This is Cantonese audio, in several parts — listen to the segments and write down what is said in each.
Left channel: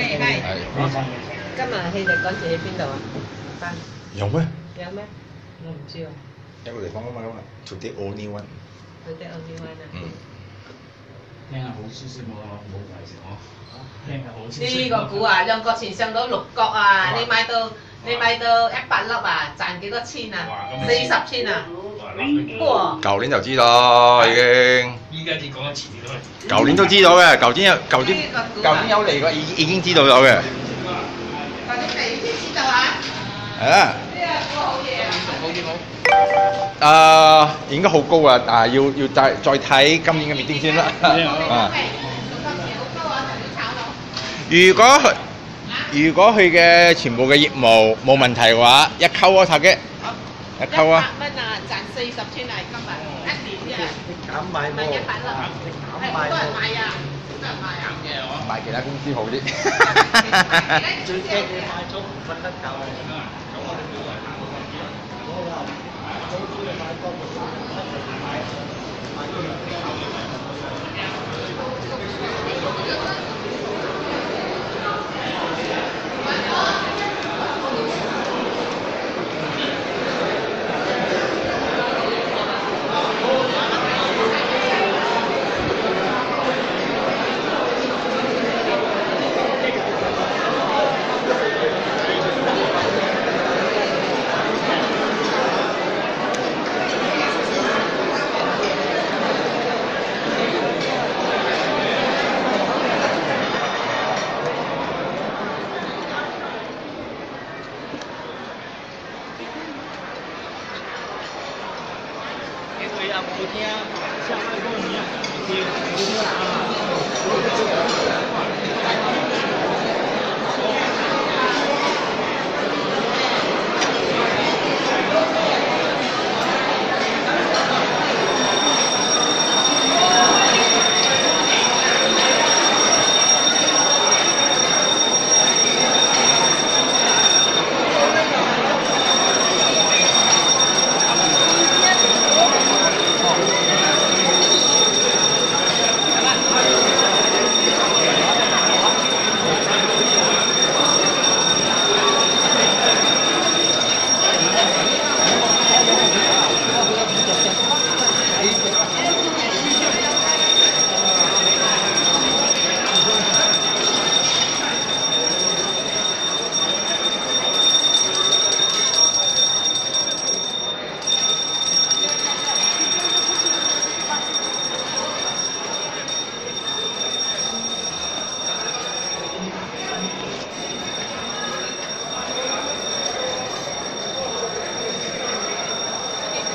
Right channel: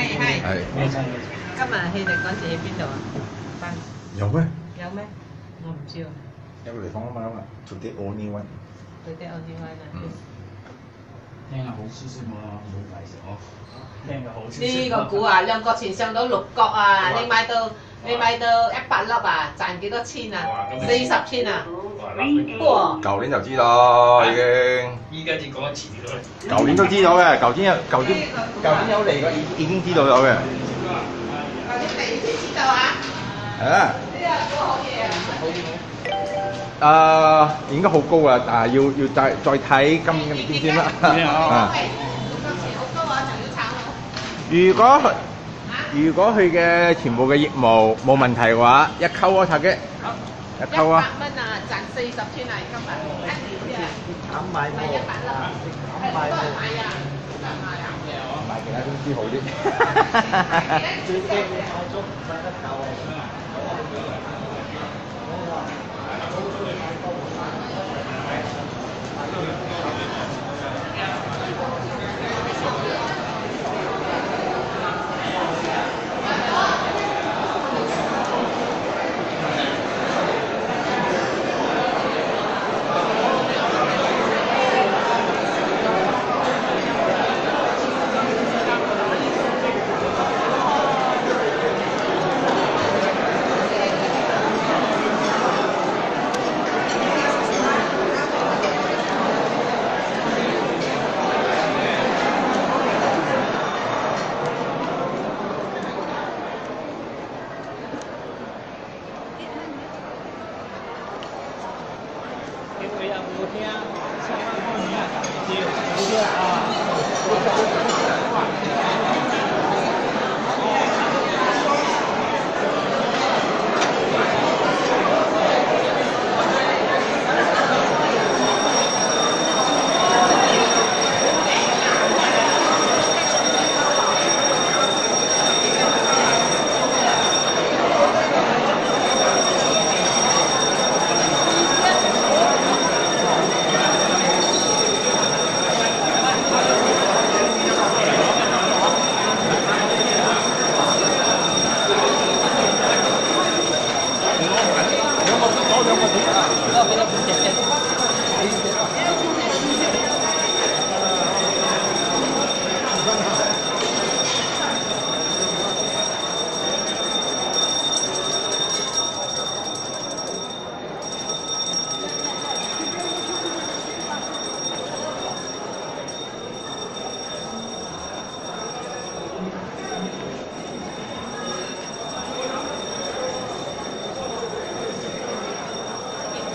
係。今日氣力趕住喺邊度啊？翻有咩？有咩？我唔知喎。有個地方啊嘛，Today only one。佢哋 only one 啊。聽下好消息喎，冇嚟食我。聽下好消息。呢個股啊，兩角錢上到6角啊！你買到100粒啊，賺幾多錢啊？40千啊！哇！舊年就知道已經。依家至講得遲啲咯。舊年都知道嘅，舊年有嚟過，已經知道咗嘅。舊年嚟先知道啊？係啊。呢個股好嘢啊！應該好高啊，但係要再睇今年嘅meeting先啦。啊。如果佢嘅全部嘅業務冇問題嘅話，一溝啊，塔嘅，一溝啊。100蚊啊，賺40千啊，今日1年啫。你減買喎，你減買喎，買其他公司好啲。最驚你買咗唔瞓得覺啊！佢啊，嗰啲啊，相關方面啊，嗰啲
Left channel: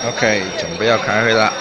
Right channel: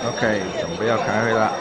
OK，準備要開會啦。